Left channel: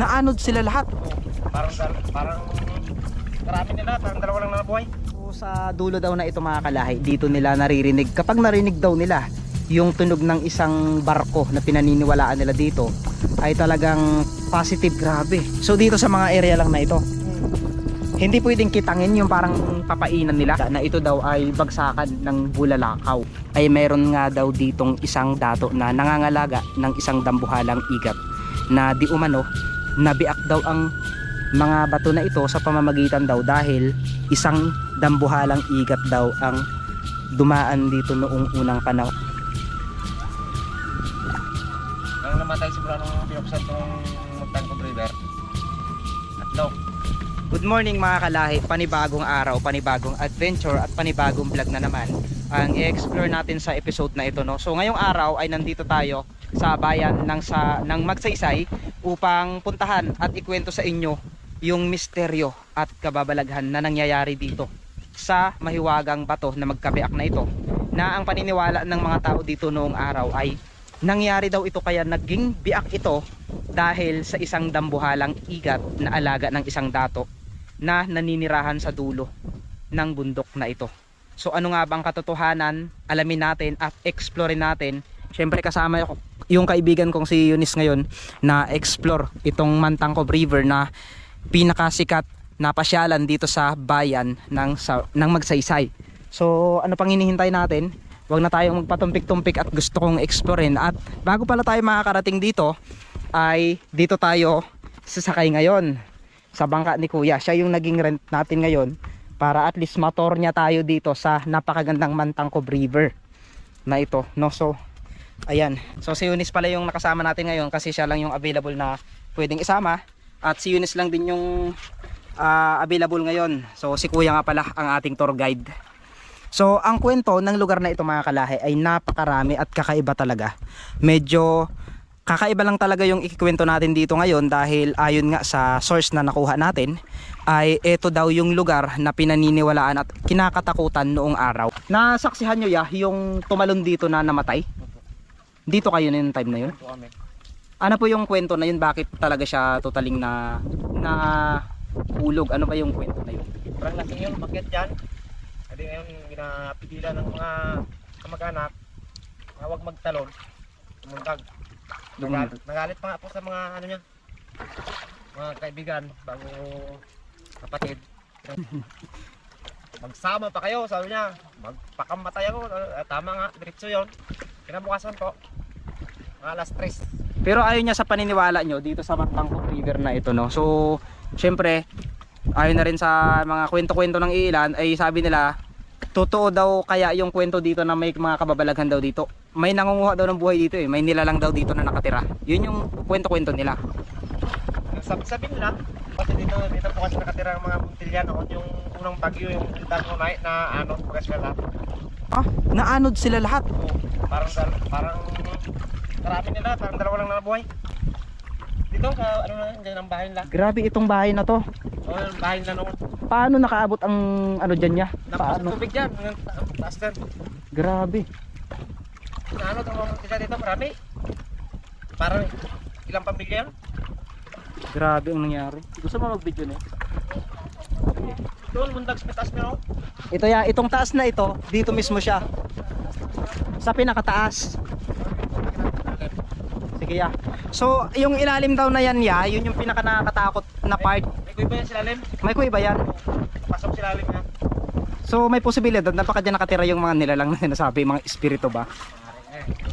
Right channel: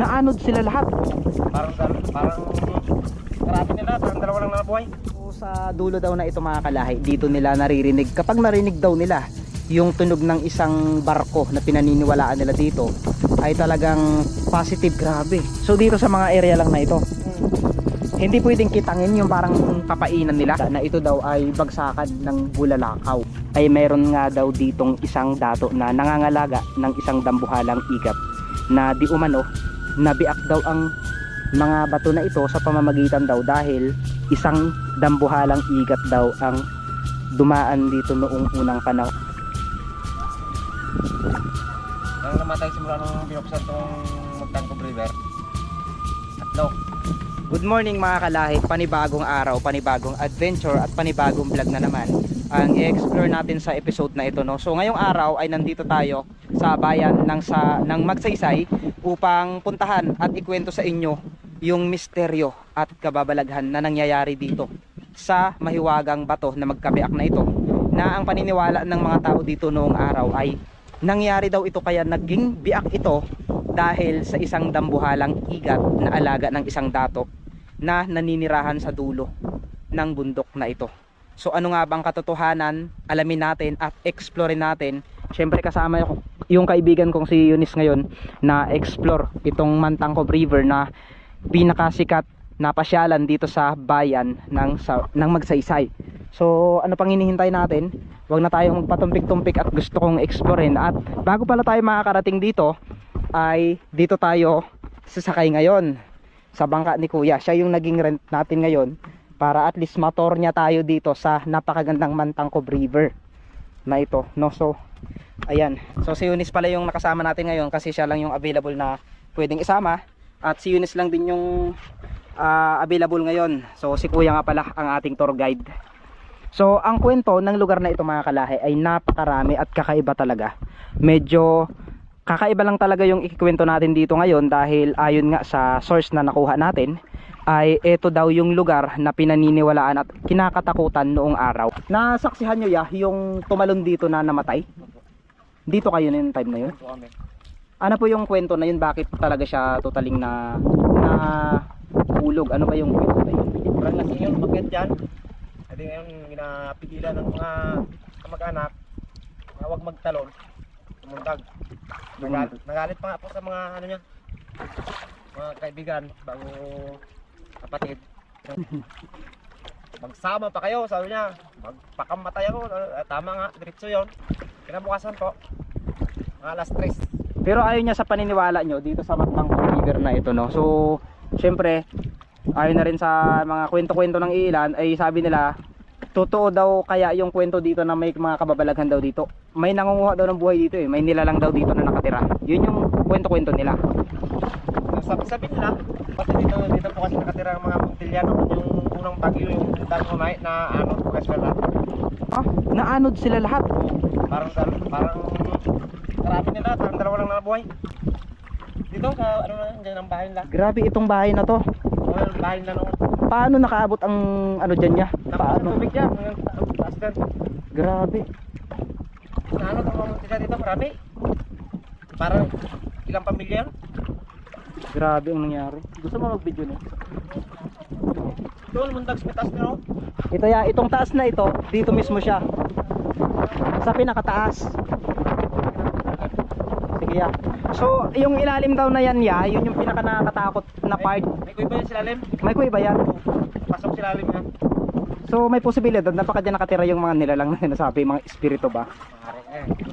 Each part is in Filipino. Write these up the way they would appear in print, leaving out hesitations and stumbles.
naanod sila lahat. Parang karami nila, parang dalawa lang nabuhay. So, sa dulo daw na ito mga kalahi, dito nila naririnig, kapag narinig daw nila yung tunog ng isang barko na pinaniniwalaan nila dito, ay talagang positive. Grabe. So dito sa mga area lang na ito, hindi pwedeng kitangin yung parang papainan nila na ito daw ay bagsakan ng bulalakaw. Ay meron nga daw ditong isang dato na nangangalaga ng isang dambuhalang igat na di umano nabiak daw ang mga bato na ito sa pamamagitan daw dahil isang dambuhalang igat daw ang dumaan dito noong unang panahon. Nang namatay simula nung pinuksan tong Magtangkob River. Tatlo. Good morning mga kalahi, panibagong araw, panibagong adventure at panibagong vlog na naman ang i-explore natin sa episode na ito, no? So ngayong araw ay nandito tayo sa bayan ng Magsaysay upang puntahan at ikwento sa inyo yung misteryo at kababalaghan na nangyayari dito sa mahiwagang bato na magkabiak na ito, na ang paniniwala ng mga tao dito noong araw ay nangyari daw ito kaya naging biak ito dahil sa isang dambuhalang igat na alaga ng isang dato na naninirahan sa dulo ng bundok na ito. So ano nga bang katotohanan? Alamin natin at explore natin. Syempre kasama yung kaibigan kong si Eunice ngayon na explore itong Magtangkob River na pinakasikat na pasyalan dito sa bayan ng Magsaysay. So ano pang hinihintay natin? Huwag na tayong magpatumpik-tumpik at gusto kong explorein. At bago pala tayo makakarating dito ay dito tayo sasakay ngayon sa bangka ni Kuya. Siya yung naging rent natin ngayon para at least motor niya tayo dito sa napakagandang Magtangkob River na ito, no? So ayan, so si Eunice pala yung nakasama natin ngayon kasi siya lang yung available na pwedeng isama, at si Eunice lang din yung available ngayon. So si Kuya nga pala ang ating tour guide. So ang kwento ng lugar na ito mga kalahi ay napakarami at kakaiba talaga. Medyo kakaiba lang talaga yung ikikwento natin dito ngayon dahil ayon nga sa source na nakuha natin ay ito daw yung lugar na pinaniniwalaan at kinakatakutan noong araw. Nasaksihan nyo yung tumalon dito na namatay? Dito kayo na yung time na yun? Ano po yung kwento na yun? Bakit talaga siya totaling na hulog? Ano ba yung kwento na yun? Parang laki yun, bakit yan? Kasi ngayon ginapigilan ng mga kamag-anak na huwag magtalon. Tumundag. Nagalit pa nga po sa mga ano niya, mga kaibigan, bago kapatid. Magsama pa kayo, sabi niya. Magpakamatay ako. Tama nga, diretso yun. Kinabukasan po, mga alas 3. Pero ayaw niya sa paniniwala nyo dito sa Magtangkob River na ito, no? So syempre ayaw na rin sa mga kwento-kwento ng ilan ay sabi nila totoo daw kaya yung kwento dito na may mga kababalaghan daw dito. May nangunguha daw ng buhay dito eh. May nilalang daw dito na nakatira. Yun yung kwento-kwento nila. Sabi nila, kasi dito po kasi nakatira ang mga Montiliano. Yung unang bagyo, yung Tangunay na ano, pagkaswala. Ah, naanod sila lahat. Parang karami nila, parang dalawa lang nabuhay. Dito, ano na, dyan ang bahay nila. Grabe itong bahay na to. O, yung bahay nila nung Paano nakaabot ang ano dyan niya? napasok Paano? tubig dyan, hanggang taas dyan. Grabe. Na ano, tawag sila dito, marami. Parang ilang pamilya yun. Grabe ang nangyari. Gusto mo mag-video na? Doon, mundag sa taas nyo. Ito ya, itong taas na ito, dito mismo siya. Sa pinakataas. Sige ya. So, yung ilalim daw na yan ya, yun yung pinaka nakakatakot na part. May kuya ba yan silalim? May kuya ba yan? Pasok silalim yan. So, may posibilidad na baka dyan nakatira yung mga nilalang na sinasabi, mga espiritu ba?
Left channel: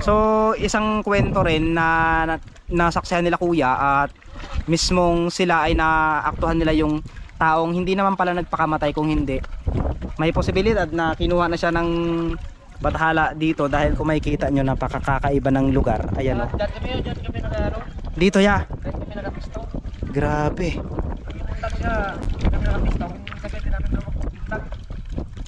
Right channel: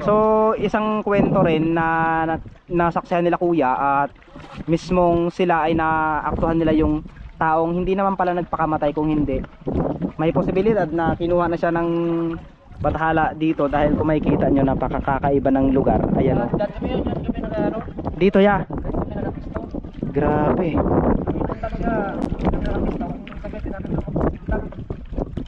So, isang kwento rin na nasaksihan nila kuya at mismong sila ay naaktuhan nila yung taong hindi naman pala nagpakamatay. Kung hindi, may posibilidad na kinuha na siya ng bathala dito dahil kung makikita nyo napakakaiba ng lugar. Ayan o. Dyan kami nag-ano? Dito ya. Dyan kami nag-pisto. Grabe. Punta ko siya, kami nag-pisto. Sagay din namin na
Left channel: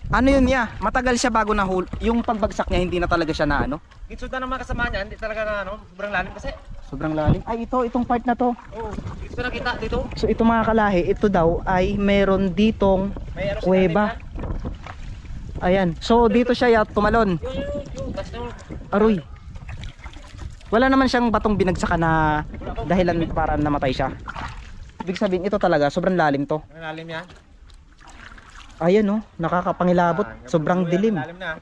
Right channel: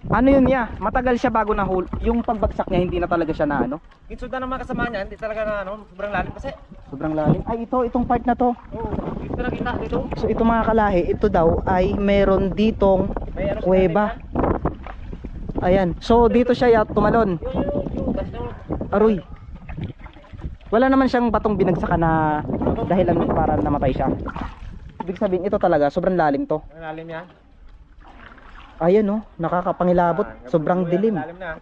Ano yun ya? Matagal siya bago nahul. Yung pagbagsak niya hindi na talaga siya na ano? Gitsuda ng mga kasama niya, hindi talaga na ano, sobrang lalim kasi. Sobrang lalim. Ay itong part na to. Oo, dito nakita dito. So ito mga kalahi, ito daw ay meron ditong May ano kuweba. Ayan. So dito siya ya tumalon. Yung, tas yung, Aroy. Wala naman siyang batong binagsakan na dahilan para namatay siya. Ibig sabihin ito talaga sobrang lalim to. Ang lalim yan. Ayun oh, nakakapangilabot, sobrang dilim. Lalim na.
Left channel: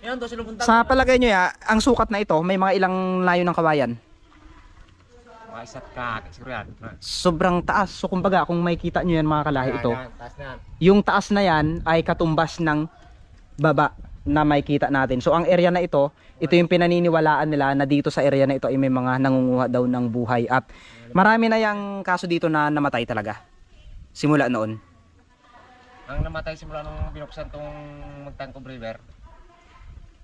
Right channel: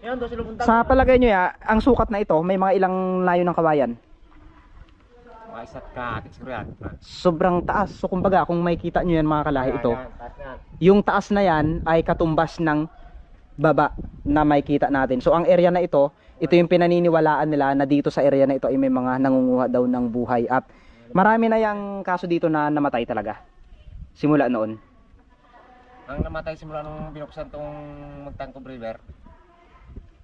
Yan, doon sila punta. Sa palagay nyo ya, ang sukat na ito, may mga ilang layo ng kawayan. Mga isa't kakit siguro yan. Sobrang taas. So kumbaga, kung makikita nyo yan mga kalahi ito, Yan, taas na yan. yung taas na yan ay katumbas ng baba na makikita natin. So ang area na ito yung pinaniniwalaan nila na dito sa area na ito ay may mga nangunguha daw ng buhay. At marami na yung kaso dito na namatay talaga. Simula noon. Ang namatay simula nung binuksan tong Magtangkob River.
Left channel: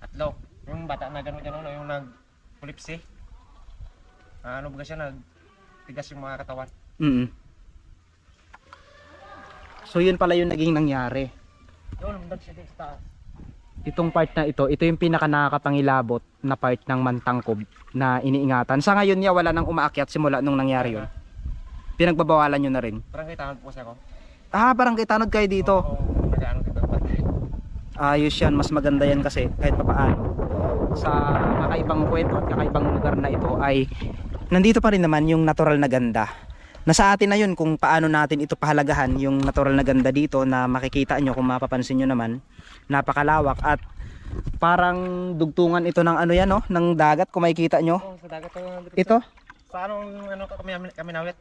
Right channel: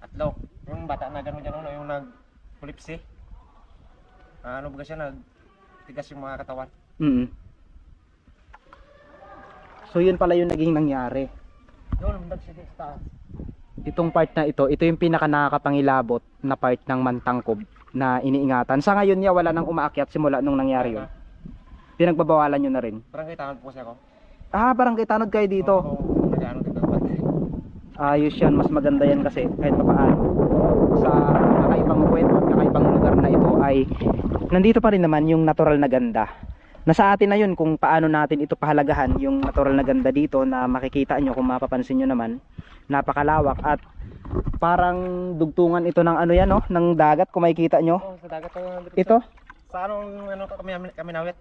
Atlo. Yung bata na gano'n, yung nag-pulipsi. Ano ba siya, nagtigas yung mga katawan. So yun pala yung naging nangyari. Yun, mundag siya sa taas. Itong part na ito yung pinaka nakakapangilabot na part ng Mantangkob na iniingatan. Sa ngayon niya wala nang umaakyat simula nung nangyari yun. Pinagbabawalan nyo na rin. Parang kaitangan po kasi ako. Barangay Tanod kayo dito. Oo, nag-ano dito. Ayos yan, mas maganda yan kasi kahit papaano sa kakaibang kwento at kakaibang lugar na ito ay nandito pa rin naman yung natural na ganda. Nasa atin na yun kung paano natin ito pahalagahan yung natural na ganda dito na makikita nyo kung mapapansin nyo naman. Napakalawak at parang dugtungan ito ng ano yan, no? Ng dagat kung makikita nyo. Oo, sa dagat Ito? Sa anong kami nawit?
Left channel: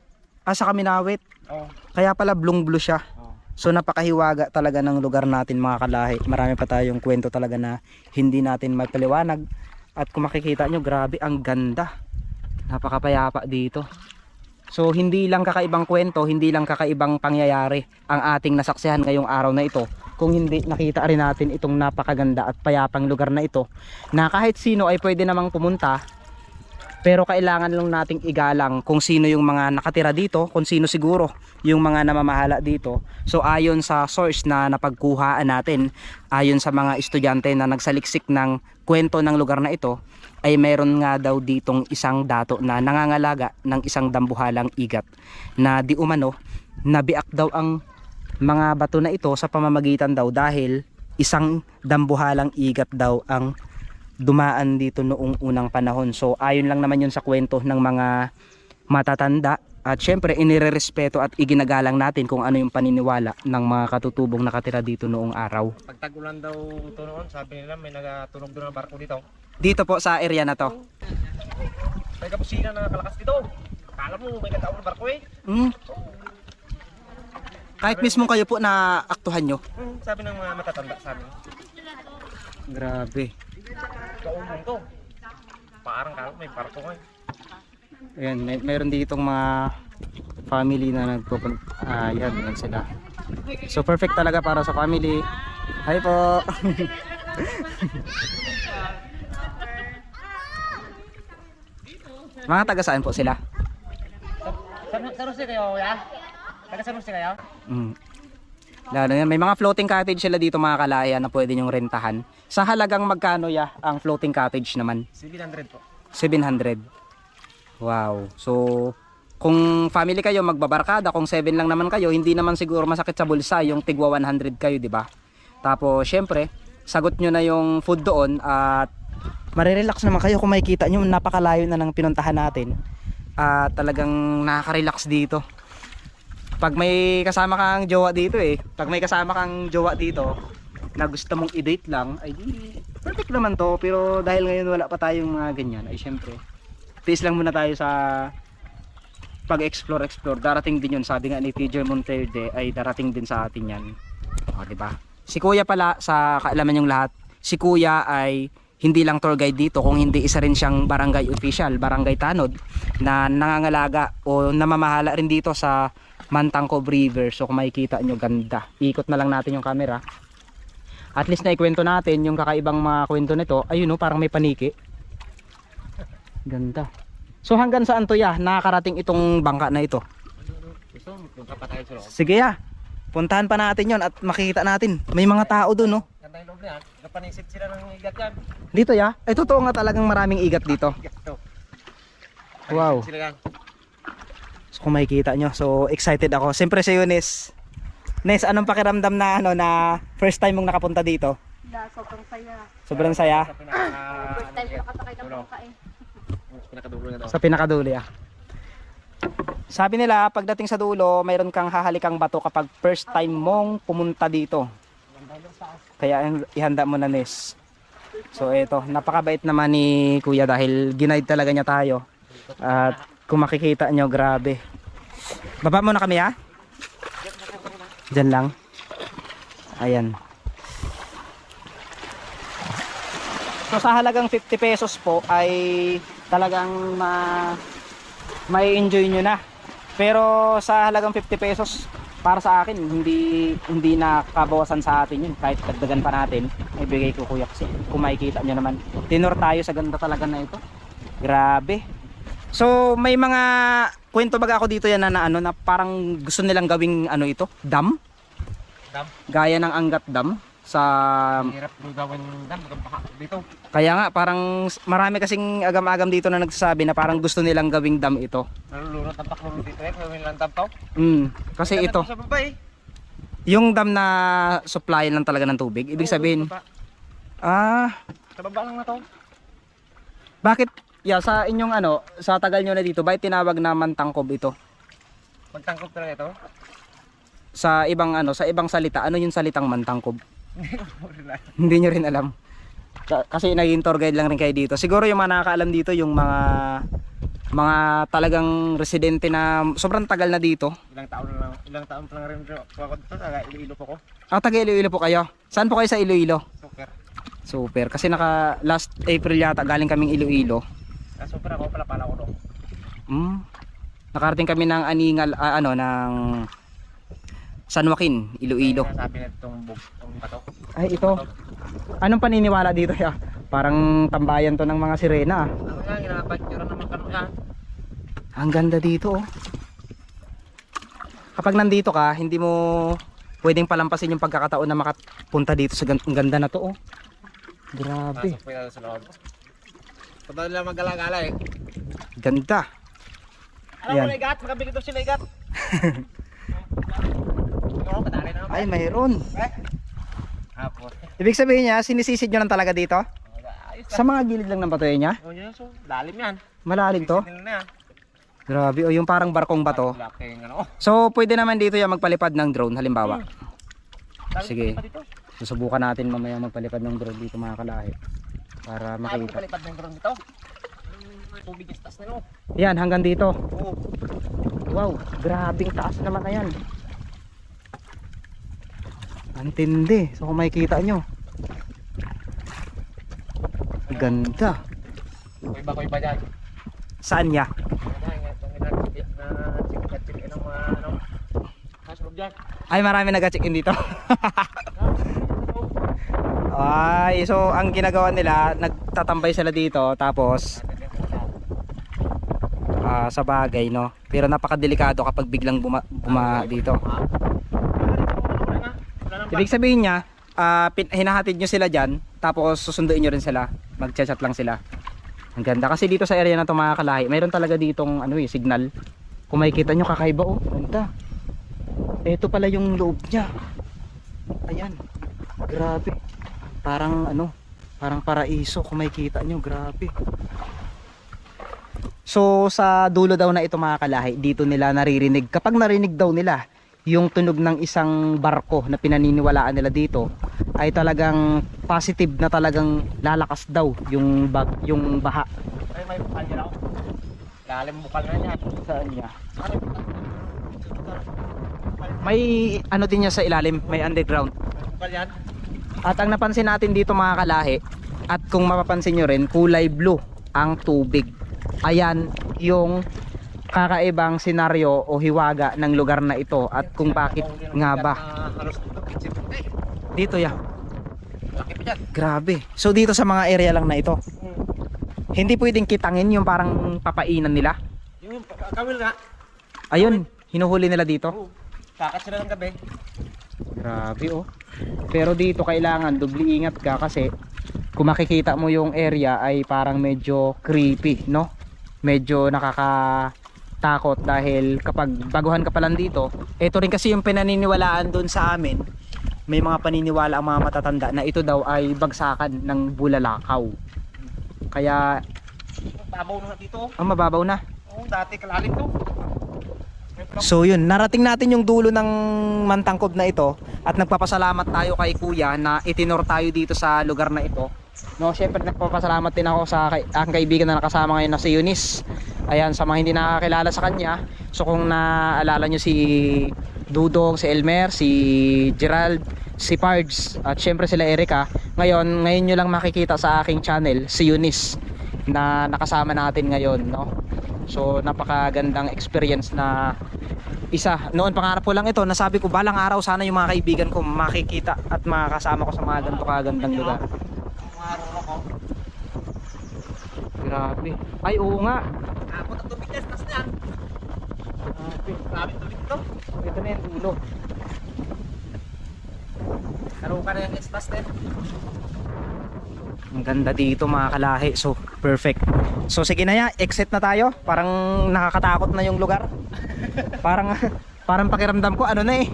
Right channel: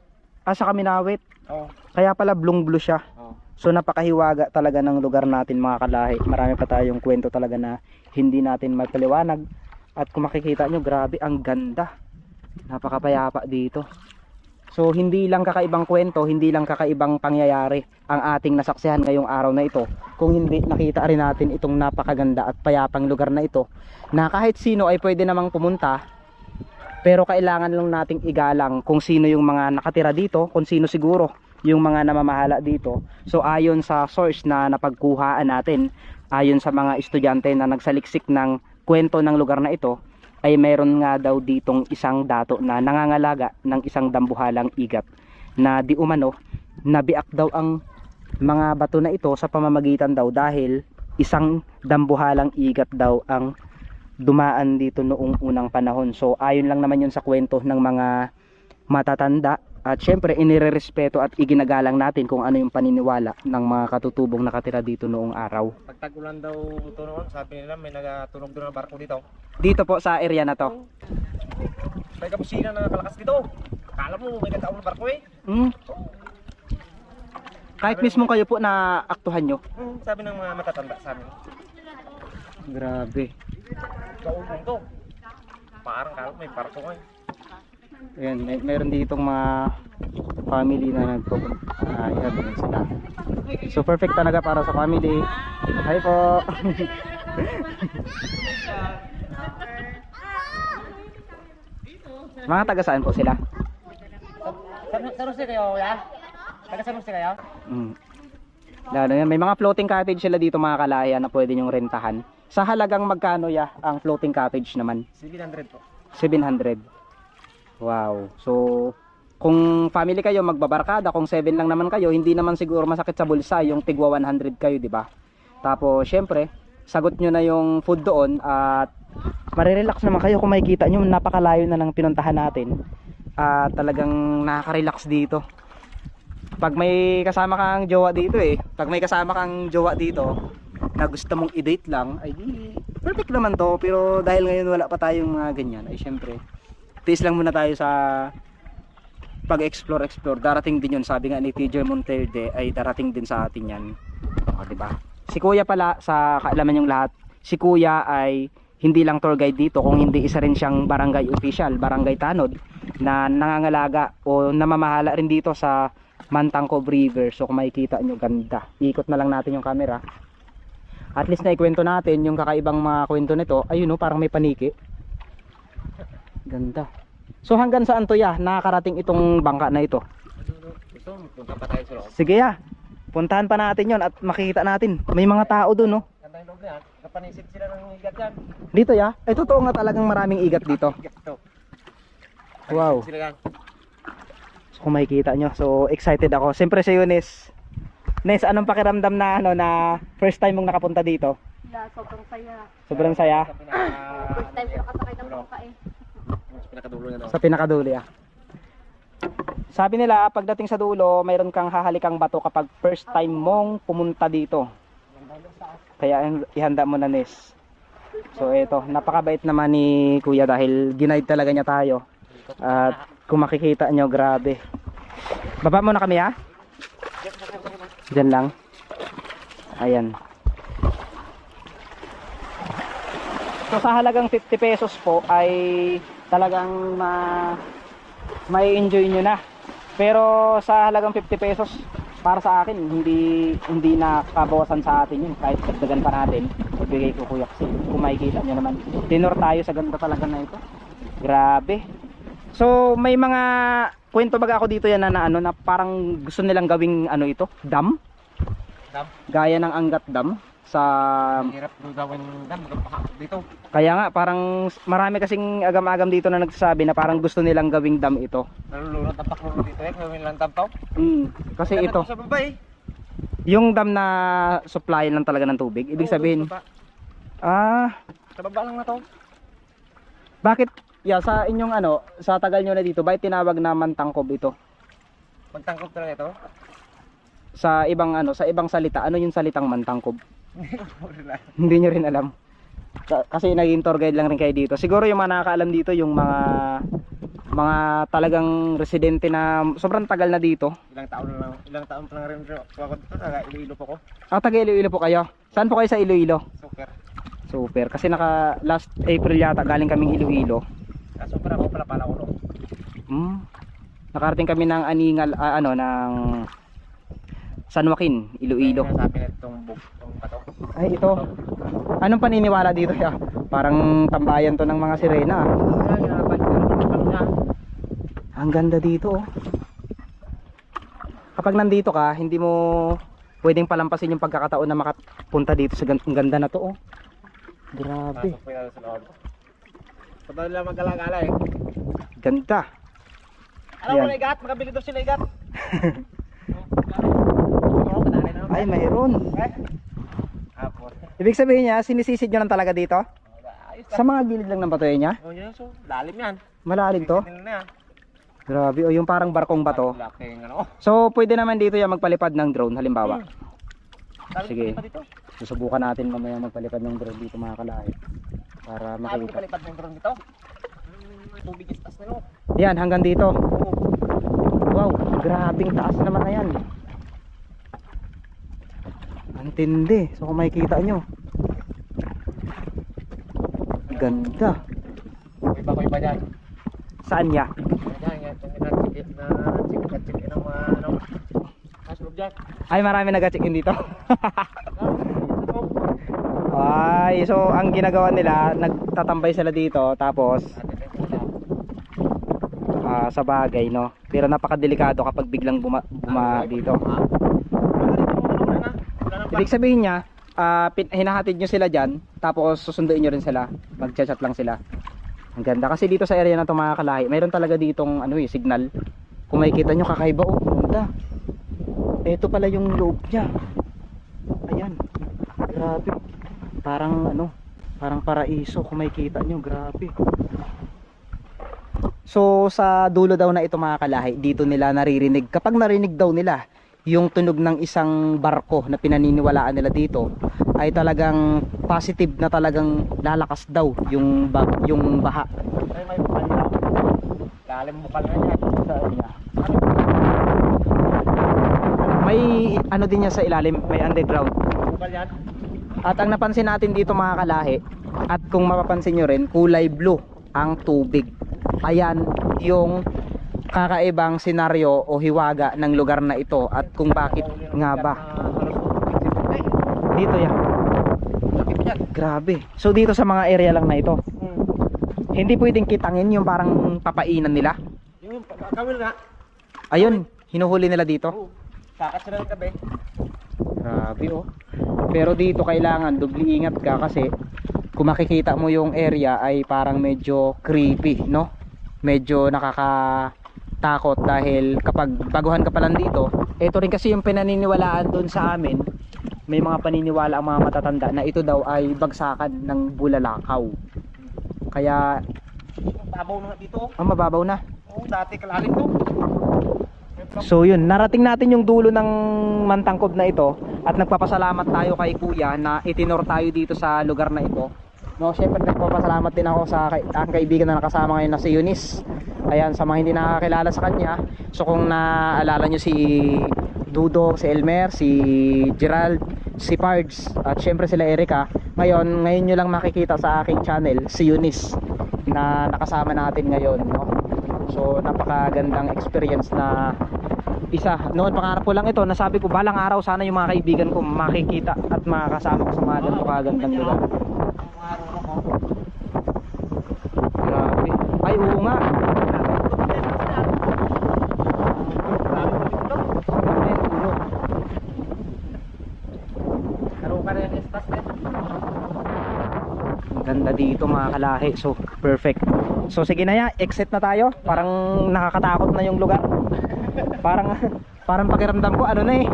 Sa Kaminawit. Oo. Kaya pala blue siya. Oo. So napakahiwaga talaga ng lugar natin mga kalahi. Marami pa tayong kwento talaga na hindi natin mapaliwanag. At kung makikita nyo, grabe ang ganda. Napakapayapa dito. So hindi lang kakaibang kwento, hindi lang kakaibang pangyayari ang ating nasaksihan ngayong araw na ito. Kung hindi nakita rin natin itong napakaganda at payapang lugar na ito na kahit sino ay pwede namang pumunta. Pero kailangan lang nating igalang kung sino yung mga nakatira dito, kung sino siguro yung mga namamahala dito. So ayon sa source na napagkuhaan natin, ayon sa mga estudyante na nagsaliksik ng kwento ng lugar na ito, ay meron nga daw ditong isang dato na nangangalaga ng isang dambuhalang igat na di umano nabiak daw ang mga bato na ito sa pamamagitan daw dahil isang dambuhalang igat daw ang dumaan dito noong unang panahon. So ayon lang naman yun sa kwento ng mga matatanda at syempre inirerespeto at iginagalang natin kung ano yung paniniwala ng mga katutubong nakatira dito noong araw. Pag tag-ulan daw ito noon, sabi nila may nagatunog doon ng barko dito. Dito po sa area na to. May kapusina na nakalakas dito. Akala mo may nagtaong ng barko eh. Kahit mismo kayo po na aktuhan nyo. Sabi ng mga matatanda sa amin. Grabe. Kaulong to. Parang kala may barko eh. Ayan, meron ditong mga family na nagpupunta. Yan sila. So perfect talaga para sa family. Hi po. Mga taga saan po sila? San Jose kayo ya? Taga San Jose kayo? Lalo yan, may mga floating cottage sila dito mga kalaya na pwede nyong rentahan. Sa halagang magkano ya ang floating cottage naman? 700 po. 700. Wow. So kung family kayo magbabarkada, kung 7 lang naman kayo, hindi naman siguro masakit sa bulsa yung tigwa 100 kayo, di ba? Tapos syempre, sagot nyo na yung food doon at marirelax naman kayo kung makikita nyo napakalayo na ng pinuntahan natin. At talagang nakaka-relax dito. Pag may kasama kang jowa dito pag may kasama kang jowa dito na gusto mong i-date lang, ay di perfect naman to. Pero dahil ngayon wala pa tayong mga ganyan, ay syempre tiis lang muna tayo sa pag-explore. Darating din yun, sabi nga ni Teacher Monterde, ay darating din sa atin yan. Diba? Si Kuya pala, sa kaalaman yung lahat, si Kuya ay hindi lang tour guide dito, kung hindi isa rin siyang barangay official, barangay tanod, na nangangalaga o namamahala rin dito sa Mantangkob River. So kung makikita nyo, ganda. Ikot na lang natin yung camera. At least na ikwento natin yung kakaibang mga kwento nito. Ayun parang may paniki. Ganda. So hanggang saan to ya? Nakakarating itong bangka na ito. Gusto mo, punta pa tayo sa loob. Sige ya. Puntahan pa natin yon at makikita natin. May mga tao doon, no? Ganda yung loob na yan. Napanisid sila ng igat yan. Dito ya? Ay totoo nga talagang maraming igat dito. Igat to. Wow. Sila yan. So kung makikita nyo, so excited ako. Siyempre si Eunice. Nes, anong pakiramdam na na first time mong nakapunta dito? Sobrang saya. Sobrang saya. Sa pinaka... First time ko nakasakay ng bangka eh. pinakadulo niya daw. Sa pinakadulo ah. Sabi nila pagdating sa dulo mayroon kang hahalikang bato kapag first time mong pumunta dito. Kaya ihanda mo na, Nes. So ito, napakabait naman ni Kuya dahil ginaid talaga niya tayo. At kung makikita nyo, grabe. Baba muna kami ha. Diyan lang. Ayan. So sa halagang 50 pesos po ay talagang may enjoy nyo na. Pero sa halagang 50 pesos para sa akin hindi nakakabawasan sa atin yun. Kahit dagdagan pa natin, ibigay ko kuya kasi kung makikita nyo naman, tinor tayo sa ganda talaga na ito. Grabe. So may mga kwento baga ako dito yan na ano na parang gusto nilang gawing ano ito, dam. Gaya ng Angat Dam sa Hirap gawin dam dito. kaya nga parang marami kasing agam-agam dito na nagsasabi na parang gusto nilang gawing dam ito. Nalulunod ang paklunod dito gawin lang dam to. Kasi ito, Sa baba yung dam na supply lang talaga ng tubig. Ibig sabihin, sa baba lang na to. bakit sa inyong ano, sa tagal nyo na dito, bakit tinawag na Mantangkob ito? Magtangkop talaga ito. Sa ibang ano, sa ibang salita, ano yung salitang Mantangkob? Hindi nyo rin alam. Kasi naging tour guide lang rin kayo dito. Siguro yung mga nakakaalam dito yung mga talagang residente na sobrang tagal na dito. Ilang taon pa lang rin ako dito, taga Iloilo po ko. Taga Iloilo po kayo. Saan po kayo sa Iloilo? Super. Super. Kasi naka last April yata galing kaming Iloilo. Super ako pala ko no. Nakarating kami ng Aningal, ng San Joaquin, Iloilo. Sabi na itong bato. Ay ito. Anong paniniwala dito ya? Parang tambayan to ng mga sirena. Ang ganda dito oh. Kapag nandito ka, hindi mo pwedeng palampasin yung pagkakataon na makapunta dito sa ganda na to oh. Grabe. Pasok po yan sa loob. Pagdali lang mag-alagala eh. Ganda. Alam mo na igat, makabili daw sila igat. Ay mayroon. Ibig sabihin niya, sinisisid nyo lang talaga dito? Sa mga gilid lang ng batoy niya? Oh, yan so, lalim yan. Malalim to? Grabe, o yung parang barkong bato. So, pwede naman dito yung magpalipad ng drone, halimbawa. Sige. Susubukan natin mamaya magpalipad ng drone dito mga kalahi. Para makita. Palipad ng drone dito? Tubig yung taas na no? Yan, hanggang dito. Wow, grabing taas naman na yan. Antindi. So kung makikita nyo, ganda. Kuy ba dyan? Saan niya? Ay marami nag-check in dito. Ay, so ang ginagawa nila, nagtatambay sila dito tapos sa bagay no. Pero napakadelikado kapag biglang buma dito. Ibig sabihin niya, hinahatid nyo sila dyan, tapos susunduin nyo rin sila, mag-chat lang sila. Ang ganda kasi dito sa area na ito mga kalahi, mayroon talaga ditong signal. Kung makikita nyo, kakaiba oh, ganda. Ito pala yung loob niya. Ayan, grabe. Parang paraiso kung makikita nyo, grabe. So sa dulo daw na ito mga kalahi, dito nila naririnig, kapag narinig daw nila yung tunog ng isang barko na pinaniniwalaan nila dito, ay talagang positive na talagang lalakas daw yung baha. May bukal niya. Lalim bukal na niya. Saan niya? May ano din niya sa ilalim, may underground. Bukal yan. At ang napansin natin dito mga kalahi, at kung mapapansin nyo rin, kulay blue ang tubig. Ayan yung kakaibang senaryo o hiwaga ng lugar na ito at kung bakit nga ba dito yan. Grabe. So dito sa mga area lang na ito, hindi pwedeng kitangin yung parang papainan nila. Yung kawil nga. Ayun, hinuhuli nila dito. Kakat sila ng gabi. Grabe oh. Pero dito kailangan dubli ingat ka kasi kung makikita mo yung area ay parang medyo creepy, no? Medyo nakakatakot dahil kapag baguhan ka pa lang dito, ito rin kasi yung pinaniniwalaan doon sa amin. May mga paniniwala ang mga matatanda na ito daw ay bagsakan ng bulalakaw. Kaya Babaw na nga dito. Mababaw na. Oo, dati kalalim to. So yun, narating natin yung dulo ng Mantangkob na ito at nagpapasalamat tayo kay Kuya na itinor tayo dito sa lugar na ito. No, syempre nagpapasalamat din ako sa aking kaibigan na nakasama ngayon na si Eunice. Ayan, sa mga hindi nakakilala sa kanya, so kung naalala nyo si Dudong, si Elmer, si Gerald, si Pards at syempre sila Erica, ngayon nyo lang makikita sa aking channel si Eunice na nakasama natin ngayon, no? So napakagandang experience na isa. Noon pangarap ko lang ito, nasabi ko balang araw sana yung mga kaibigan ko makikita at makakasama ko sa mga ganito kagandang lugar. Grabe. Ay oo nga. Ang ganda dito mga kalahi. So perfect. So sige na ya, exit na tayo. Parang nakakatakot na yung lugar. Parang pakiramdam ko ano na eh.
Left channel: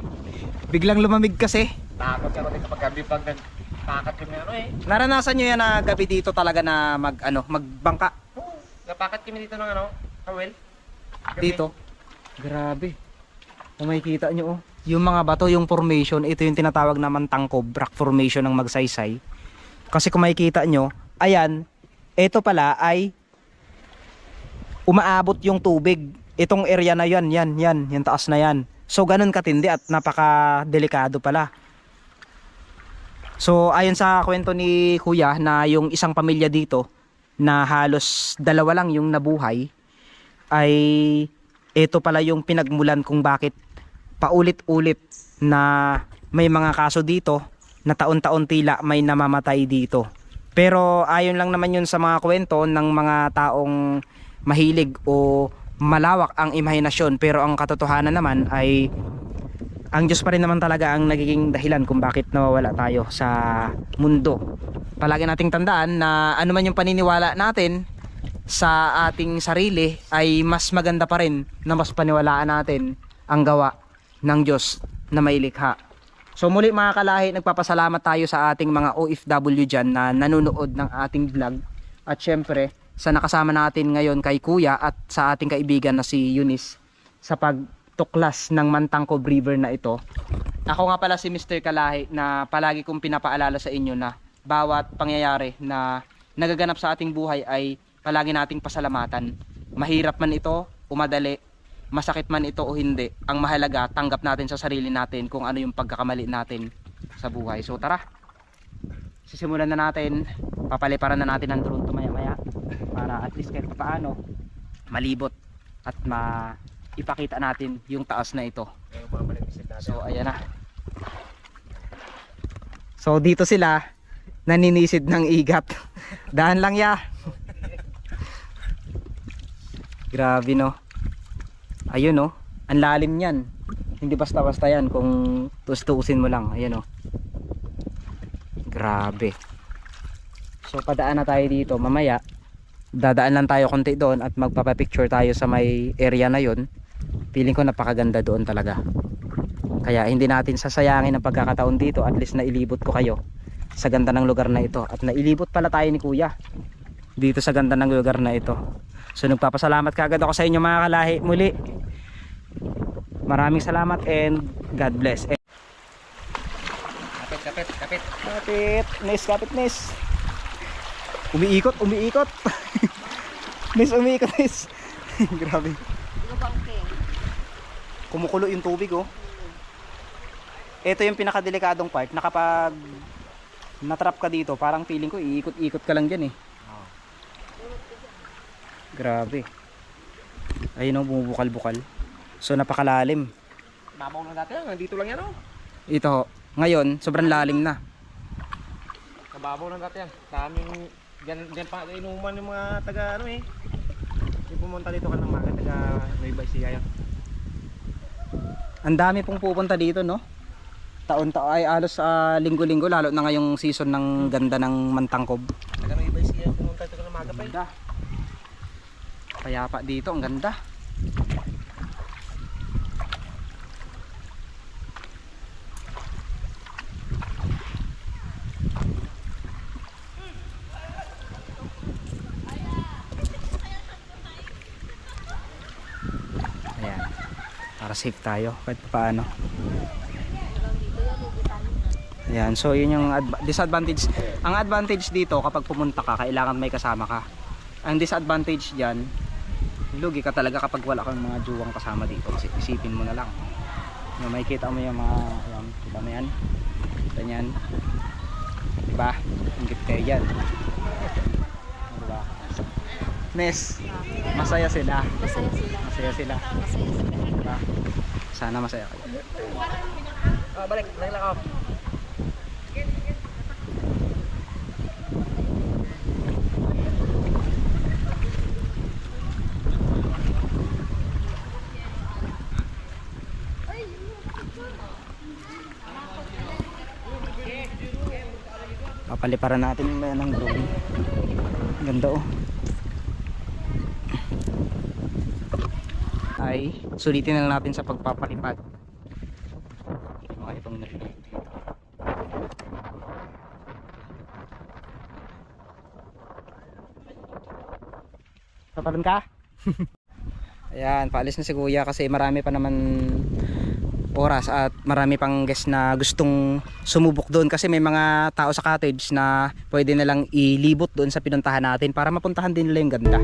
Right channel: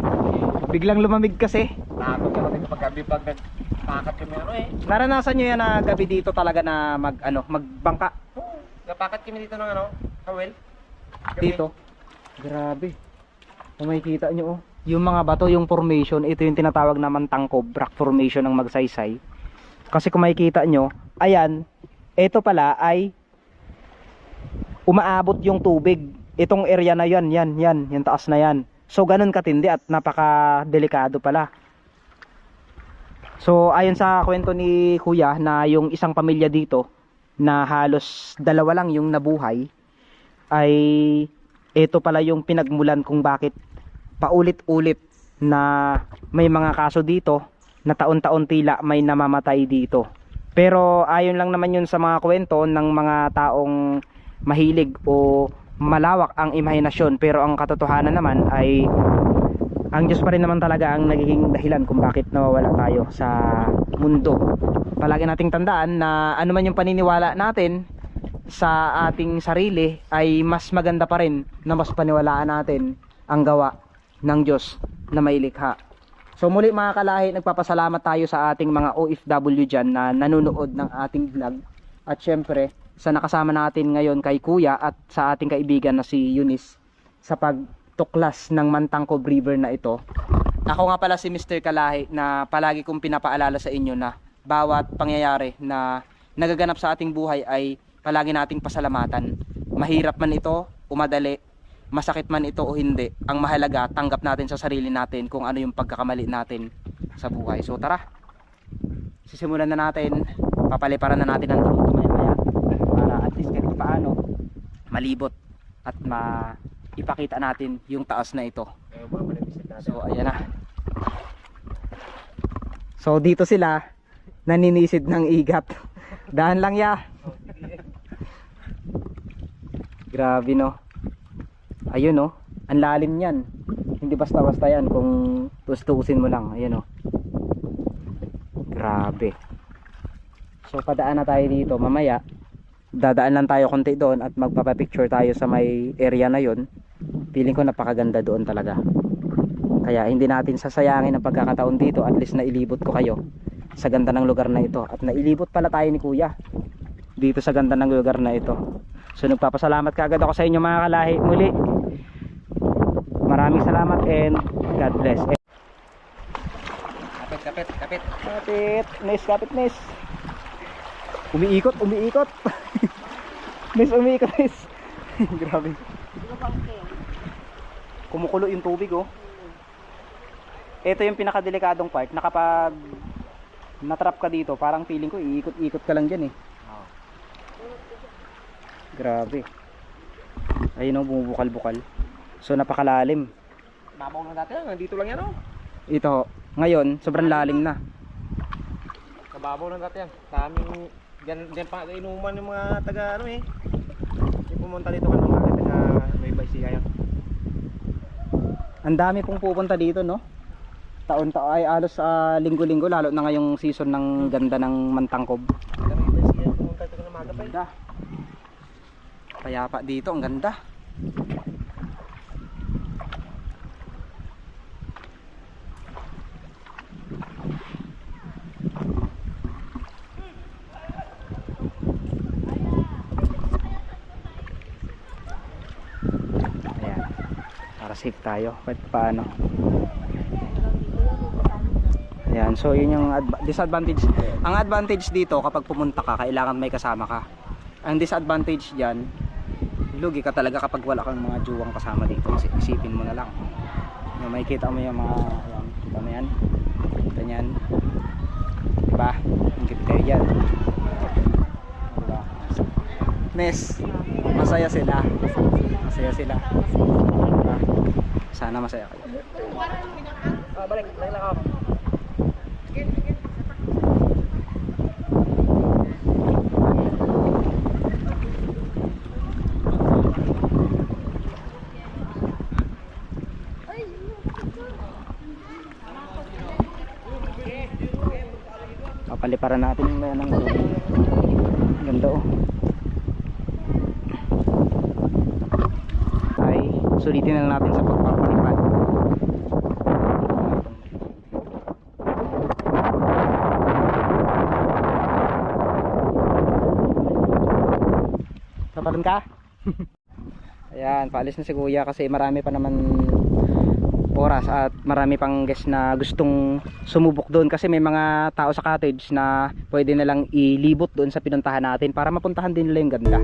Biglang lumamig kasi. Takot ka dito pag gabi pag nagpakat kami ano eh. Naranasan nyo yan na gabi dito talaga na magbangka Oo, napakat kami dito ng ano, kawel. dito? Grabe. Kung makikita nyo oh. Yung mga bato, yung formation, ito yung tinatawag na Mantangkob, rock formation ng Magsaysay. Kasi kung makikita nyo, ayan, ito pala ay umaabot yung tubig. Itong area na yan, yung taas na yan. So ganun katindi at napaka-delikado pala. So ayon sa kwento ni Kuya na yung isang pamilya dito na halos dalawa lang yung nabuhay, ay ito pala yung pinagmulan kung bakit paulit-ulit na may mga kaso dito na taon-taon tila may namamatay dito. Pero ayon lang naman yun sa mga kwento ng mga taong mahilig o malawak ang imahinasyon, pero ang katotohanan naman ay ang Diyos pa rin naman talaga ang nagiging dahilan kung bakit nawawala tayo sa mundo. Palagi nating tandaan na ano man yung paniniwala natin sa ating sarili ay mas maganda pa rin na mas paniwalaan natin ang gawa ng Diyos na may likha. So muli mga kalahi, nagpapasalamat tayo sa ating mga OFW dyan na nanonood ng ating vlog. At syempre sa nakasama natin ngayon kay Kuya at sa ating kaibigan na si Eunice sa pagtuklas ng Mantangkob River na ito. Ako nga pala si Mr. Kalahi na palagi kong pinapaalala sa inyo na bawat pangyayari na nagaganap sa ating buhay ay palagi nating pasalamatan. Mahirap man ito o madali, masakit man ito o hindi, ang mahalaga tanggap natin sa sarili natin kung ano yung pagkakamali natin sa buhay. So tara, sisimulan na natin, papaliparan na natin ang drone maya-maya para at least kahit paano malibot at ipakita natin yung taas na ito. So ayan na. So dito sila naninisid ng igat. Daan lang ya. Grabe no. Ayun no, ang lalim niyan. Hindi basta-basta yan kung tustusin mo lang. Ayun no. Grabe. So padaan na tayo dito. Mamaya dadaan lang tayo konti doon at magpapapicture tayo sa may area na yon. Feeling ko napakaganda doon talaga. Kaya hindi natin sasayangin ang pagkakataon dito. At least nailibot ko kayo sa ganda ng lugar na ito. At nailibot pala tayo ni Kuya dito sa ganda ng lugar na ito. So nagpapasalamat kaagad ako sa inyo mga kalahi. Muli maraming salamat and God bless. Kapit. Kapit Nes. Umiikot Nes, umiikot Nes. Grabe. Kumukulo yung tubig oh. Ito yung pinakadelikadong part na kapag natrap ka dito, parang feeling ko iikot-ikot ka lang dyan eh. Grabe. Ayun oh, bumubukal-bukal. So napakalalim. Babaw lang dati lang, nandito lang yan oh. Ito, ngayon sobrang lalim na. Kababaw lang dati yan. Daming dyan pa inuman yung mga taga ano eh. Yung pumunta dito ka ng mga taga Nueva Ecija yan. Ang dami pong pupunta dito no. Taon-taon ay alos linggo-linggo, lalo na ngayong season ng ganda ng Mantangkob. Taga Nueva Ecija pumunta dito ng mga Ganda. Kaya pa dito, ang ganda. para safe tayo kahit paano. Ayan, so yun yung disadvantage. Ang advantage dito kapag pumunta ka, kailangan may kasama ka. Ang disadvantage diyan, lugi ka talaga kapag wala kang mga juwang kasama dito. Isipin mo na lang. Yung makikita mo yung mga, ayan, kita mo yan. Ganyan. Diba? Ang ganda yan. Diba? Nes, masaya sila. Masaya sila. Diba? Sana masaya kayo. Balik ako. Papaliparan natin yung mayan ng ganda oh. Ay, sulitin na lang natin sa pagpapalipad. Papalan ka? Ayan, paalis na si Kuya kasi marami pa naman oras at marami pang guests na gustong sumubok doon kasi may mga tao sa cottage na pwede na lang ilibot doon sa pinuntahan natin para mapuntahan din nila yung ganda.